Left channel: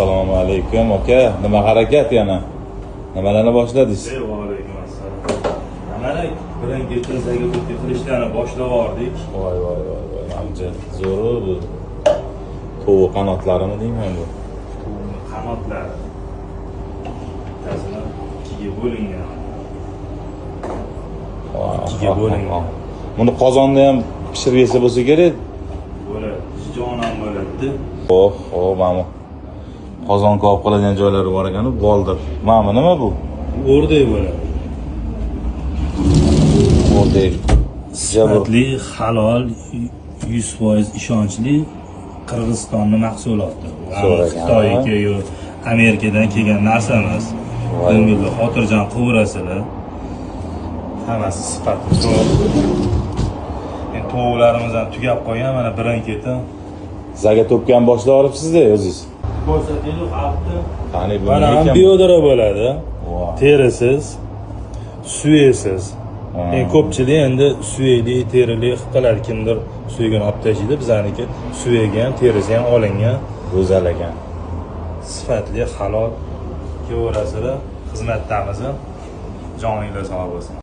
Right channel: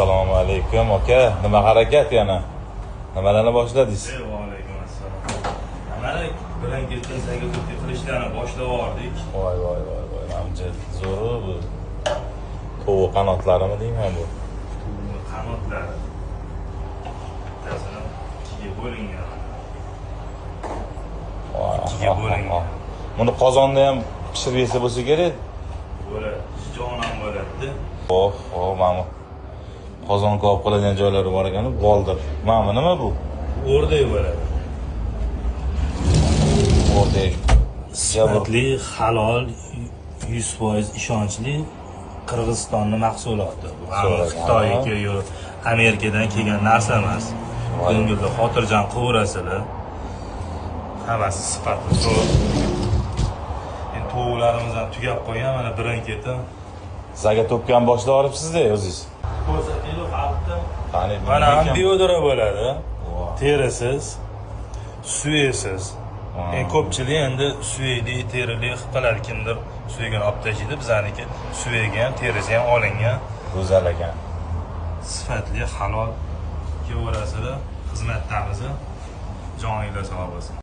Assalomu alaykum aka. Nima harakat yana? Nimalarni boshladingiz? Va alaykum assalom. Mana bilan ketinsaga turib qilishlarni boshlab yubordik. Voy. Ancha zo'r bu. Tovuq qanotlarimi deyman. Tovuqning qanotlari. Bittasini ikkiga bo'lingan. Ikkiga bo'lingan. Buni qozonda ham pishirib yesa bo'lsa kerak. Bo'ladi. Jonon bo'ladi. Mana qozon ko'p qiladigan joylari bor ekan, boldir. Mana nima bu? O'rdak bo'ladi. O'rdak. Sifatli, halol, 100% ishonchli Qirg'izistonning mahsuloti. Xitoyga yo'q, Amerikadan kelgan narsa emas. Ko'ngilda xotirjam qilaverasizlar. Hammasi sifatli. Endi tovuqlarimizni tugab qo'ygan, mana birin-ketin Zaga to'pgan boshlab olibsiz-da o'zingiz. ko'rsataylik altta. Qani bu Mana ham biodra bo'ladi. Terisiz, suyesiz. Ko'pchilik endi suyeli, terili qilib qiladi. Kimdir suygan olib tashlaydi, bizaniki suyagan, terisi ham olingan. Go'zal ekan. Sifatli, halol kelaverasizlar. Xizmatdamiz. Joninglar sog' bo'lsin.